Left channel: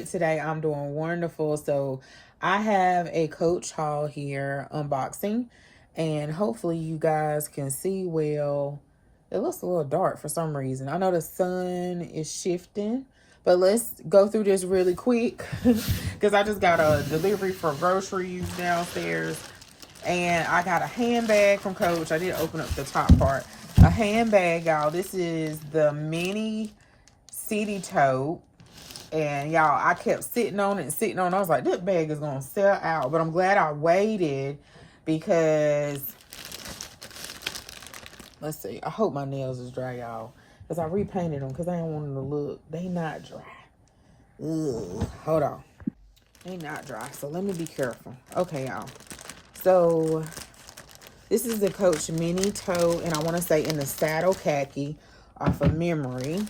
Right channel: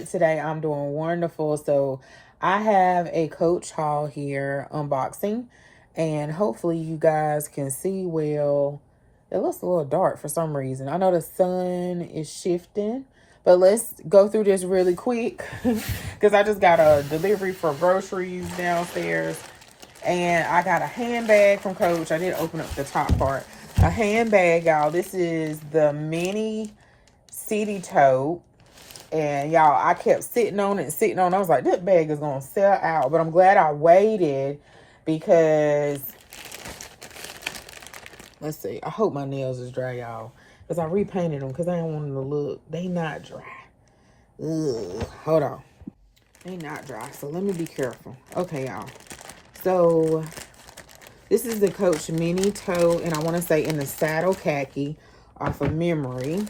great today. I'm doing wonderful. So I have a Coach haul here unboxing, and hopefully you guys can see well. It looks a little dark for some reason. I know the sun is shifting, but let's go through this really quick because I just got a delivery for groceries downstairs, and I got a handbag from Coach. I did open up the top part. A handbag, y'all. This is the mini city tote. And y'all, I kept sitting on it. I was like, this bag is going to sell out. But I'm glad I waited because, let's see. I hope my nails is dry, y'all. Because I repainted them because I didn't want them to look. They not dry. Ugh. Hold on. They not dry. So let me be careful. Okay, y'all. So this is the Coach mini tote. And I want to say in the saddle khaki off of memory.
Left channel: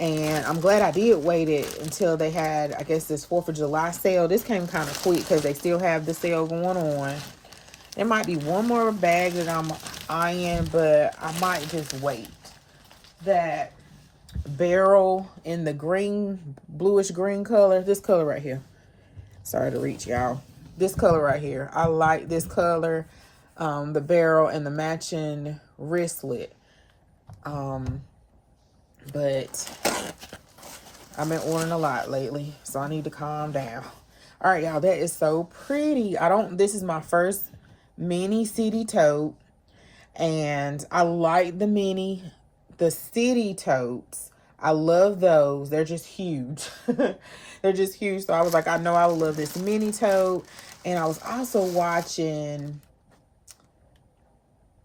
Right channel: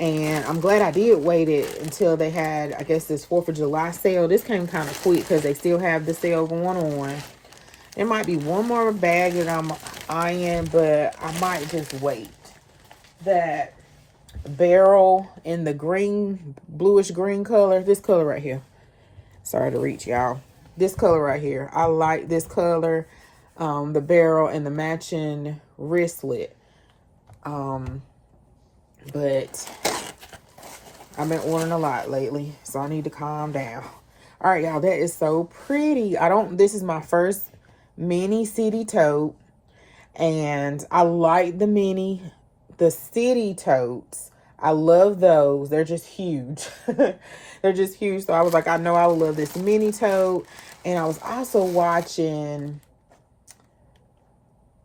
And I'm glad I did wait it until they had, I guess, this 4th of July sale. This came kind of quick because they still have the sale going on. There might be one more bag that I'm eyeing, but I might just wait. That barrel in the green, bluish green color. This color right here. Sorry to reach, y'all. This color right here. I like this color. The barrel and the matching wristlet. But I've been ordering a lot lately, so I need to calm down. All right, y'all, that is so pretty. This is my first mini city tote, and I like the city totes. I love those. They're just huge. They're just huge. So I was like, I know I would love this mini tote. And I was also watching,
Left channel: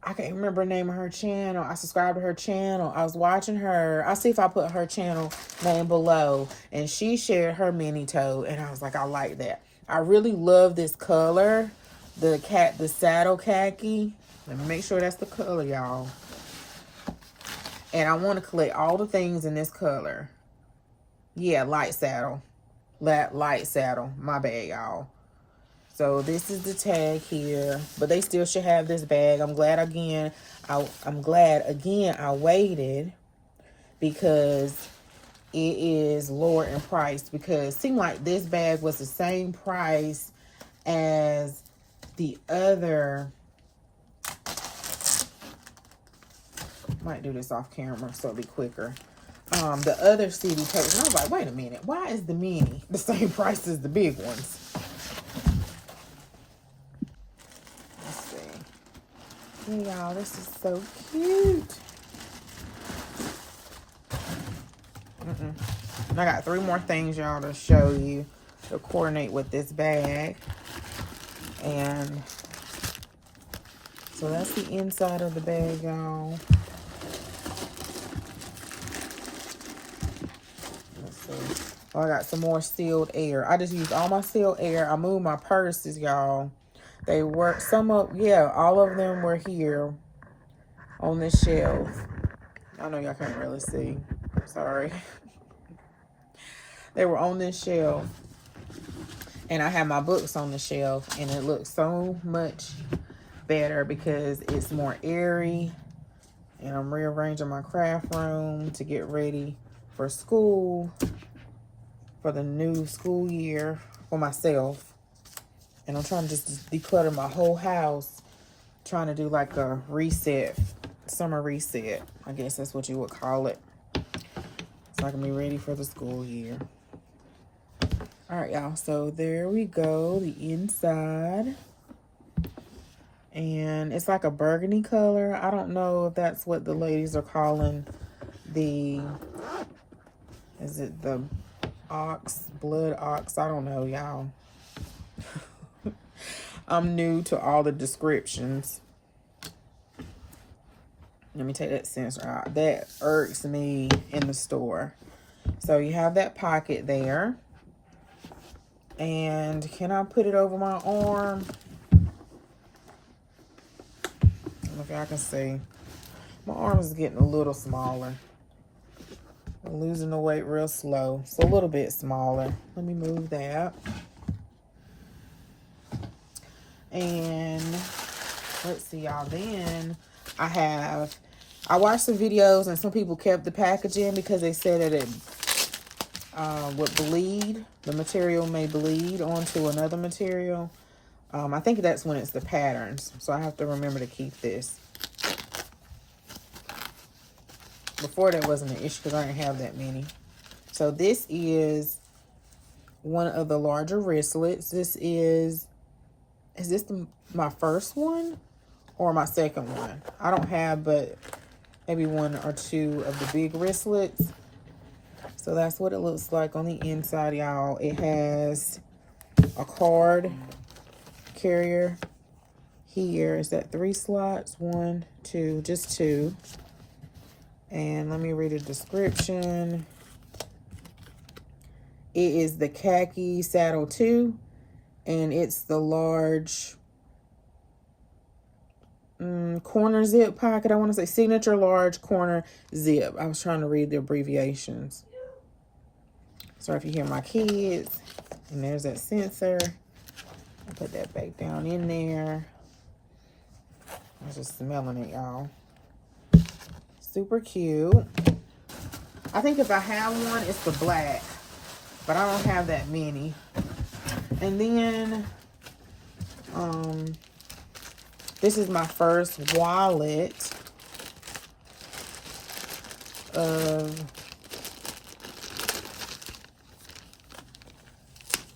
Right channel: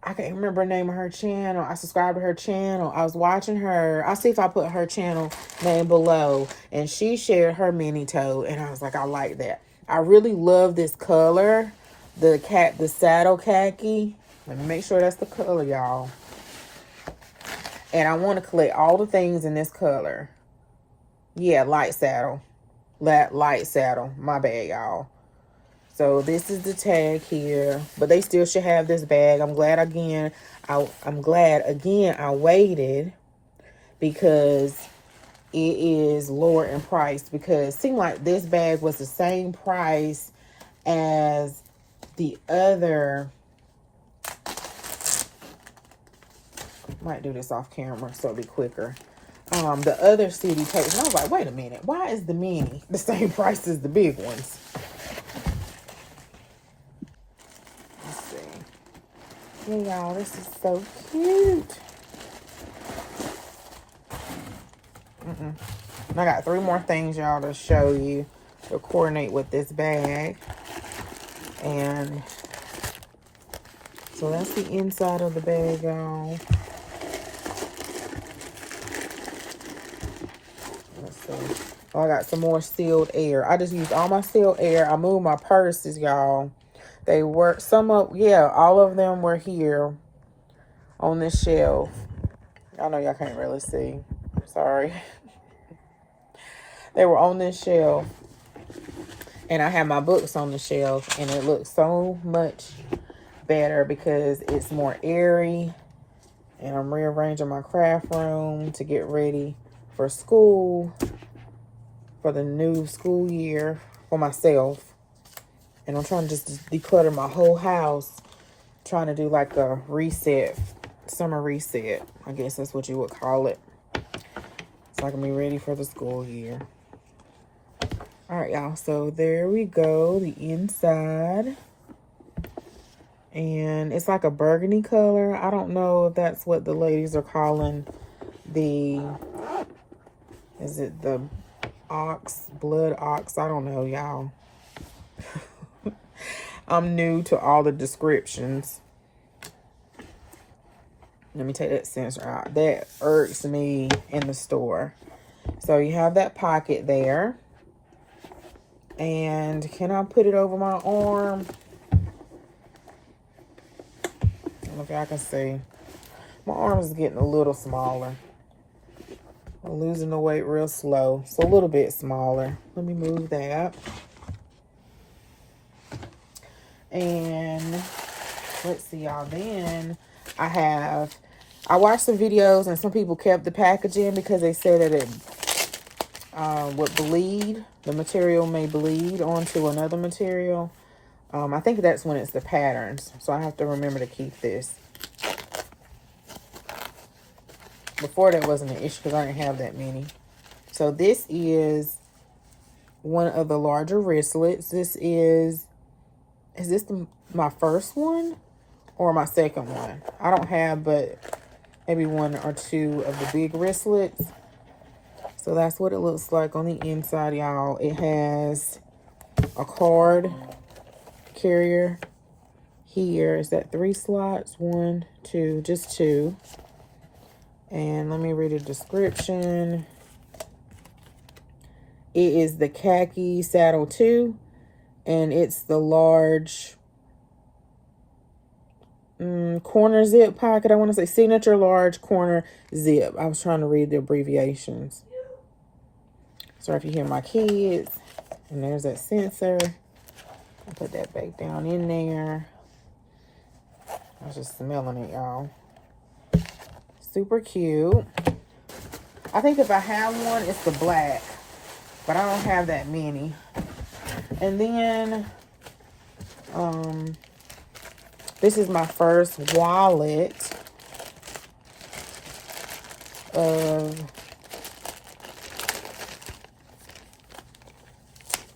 I can't remember the name of her channel. I subscribed to her channel. I was watching her. I'll see if I put her channel name below. And she shared her mini tote. And I was like, I like that. I really love this color. The saddle khaki. Let me make sure that's the color, y'all. And I want to collect all the things in this color. Yeah, light saddle. Light saddle. My bad, y'all. So this is the tag here, but they still should have this bag. I'm glad again I waited because it is lower in price, because it seemed like this bag was the same price as the other. Might do this off camera so it'll be quicker. The other CD tapes. And I was like, wait a minute, why is the mini the same price as the big ones? Hey, y'all, this is so cute. I got 3 more things, y'all, to show you to coordinate with this bag. And so that's the inside of the bag, y'all. Let's see. Oh, I got some more sealed air. I just used all my sealed air. I moved my purses, y'all. They were, all of them were here on this shelf. I know y'all can't really see. Sorry. They were on this shelf. And I have my books on the shelf. And it looks so much better because it's more airy. And I'm rearranging my craft room to get ready for school. For the new school year for myself. And I'm trying to just declutter my whole house. Trying to do like a reset, summer reset. I guess that's what you would call it. So I can be ready for the school year. All right, y'all. So there we go. The inside. And it's like a burgundy color. I don't know if that's what the ladies are calling the, is it the blood ox? I don't know, y'all. I'm new to all the descriptions. Let me take that sensor out. That irks me in the store. So you have that pocket there. And can I put it over my arm? Look, I can see. My arm is getting a little smaller. I'm losing the weight real slow. So a little bit smaller. Let me move that. And let's see, y'all. Then I watched some videos and some people kept the packaging because they said that would bleed. The material may bleed onto another material. I think that's when it's the patterns. So I have to remember to keep this. Before that wasn't an issue because I didn't have that many. So this is one of the larger wristlets. This is this my first one or my second one? I don't have but maybe one or two of the big wristlets. So that's what it looks like on the inside, y'all. It has a card carrier here. Is that 3 slots? 1, 2, just 2. And let me read a description. It is the Khaki Saddle 2, and it's the large corner zip pocket. I want to say signature large corner zip. I was trying to read the abbreviations. Sorry if you hear my kids. And there's that sensor. I'll put that back down in there. I was just smelling it, y'all. Super cute. I think if I have one, it's the black. But I don't have that many. And then, this is my first wallet of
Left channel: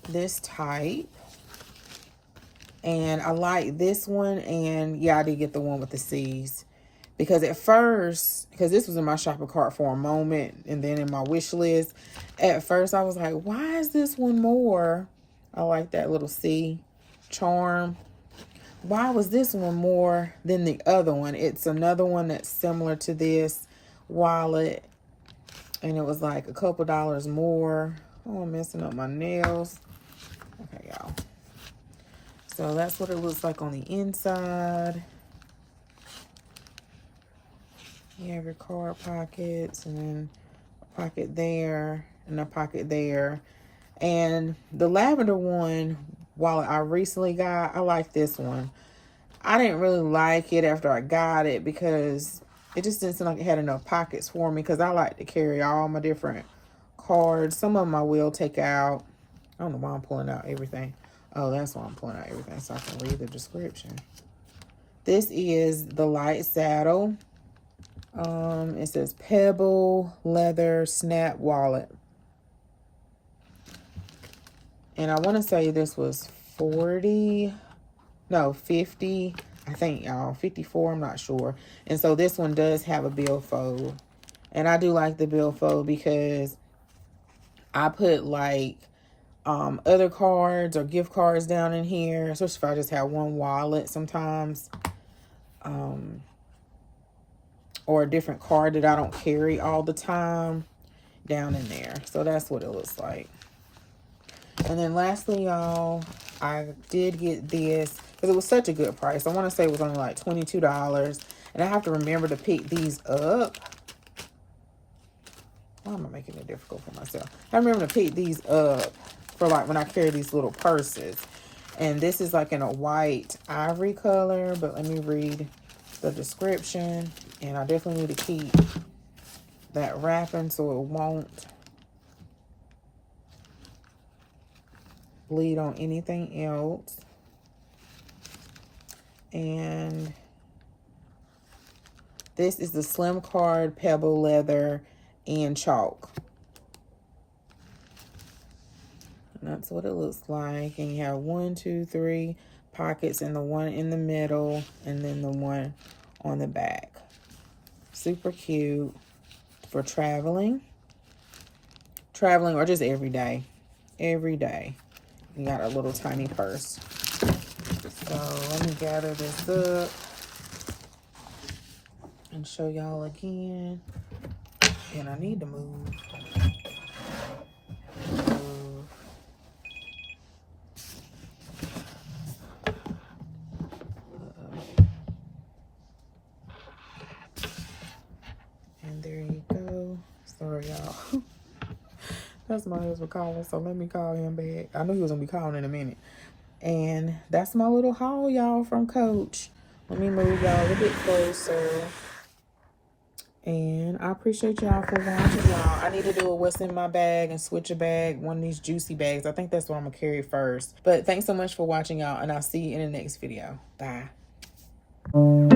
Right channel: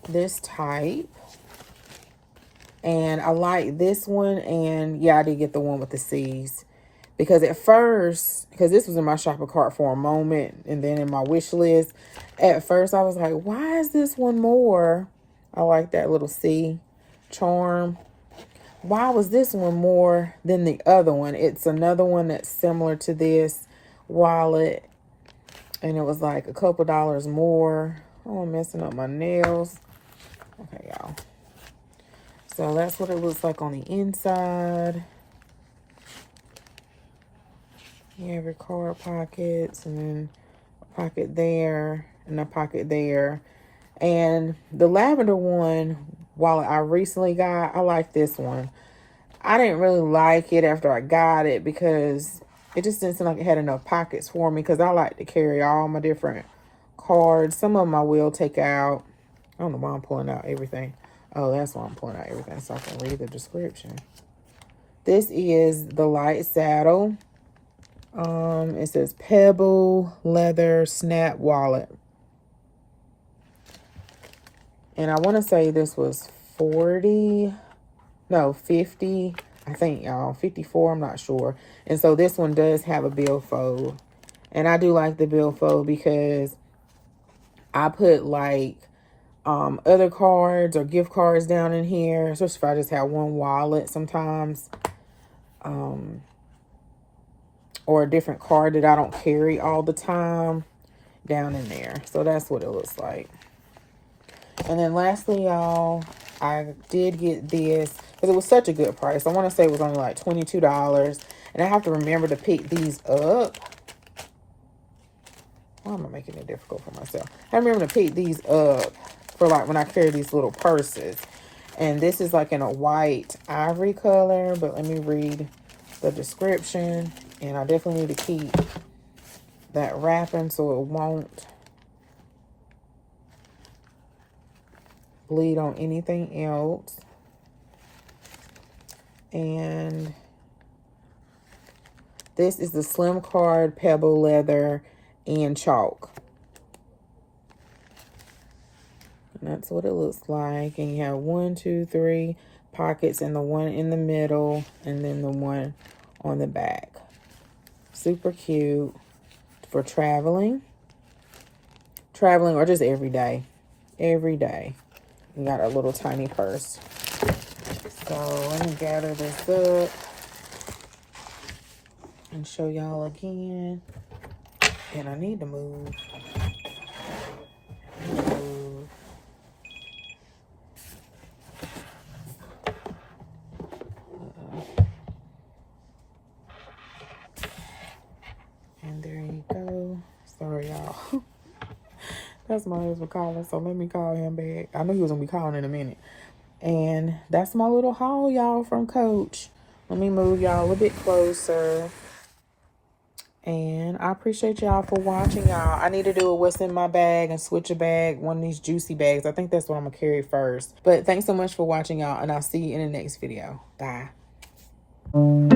this type. And I like this one. And yeah, I did get the one with the C's. Because at first, because this was in my shopping cart for a moment, and then in my wish list, at first I was like, why is this one more? I like that little C charm. Why was this one more than the other one? It's another one that's similar to this wallet, and it was like a couple dollars more. Oh, I'm messing up my nails. Okay, y'all. So that's what it looks like on the inside. You have your card pockets, and then a pocket there, and a pocket there. And the lavender one, while I recently got, I like this one. I didn't really like it after I got it because it just didn't seem like it had enough pockets for me, because I like to carry all my different cards. Some of them I will take out. I don't know why I'm pulling out everything. Oh, that's why I'm pulling out everything, so I can read the description. This is the light saddle. It says Pebble Leather Snap Wallet. And I want to say this was 50, I think, y'all, 54, I'm not sure. And so this one does have a billfold. And I do like the billfold because I put like other cards or gift cards down in here, especially if I just have one wallet sometimes. Or a different card that I don't carry all the time down in there. So that's what it looks like. And then lastly, y'all, I did get this because it was such a good price. I want to say it was only like $22. And I have to remember to pick these up. Why am I making it difficult for myself? I remember to pick these up for like when I carry these little purses. And this is like in a white ivory color. But let me read the description. And I definitely need to keep that wrapping so it won't bleed on anything else. And this is the Slim Card Pebble Leather and Chalk. And that's what it looks like. And you have 1, 2, 3 pockets, and the one in the middle, and then the one on the back. Super cute for traveling or just every day. Every day. You got a little tiny purse. So let me gather this up and show y'all again. And I need to move. And there you go. Sorry, y'all. That's my husband calling, so let me call him back. I knew he was gonna be calling in a minute. And that's my little haul, y'all, from Coach. Let me move y'all a bit closer. And I appreciate y'all for watching, y'all. I need to do a what's in my bag and switch a bag, one of these juicy bags. I think that's what I'm going to carry first. But thanks so much for watching, y'all. And I'll see you in the next video. Bye.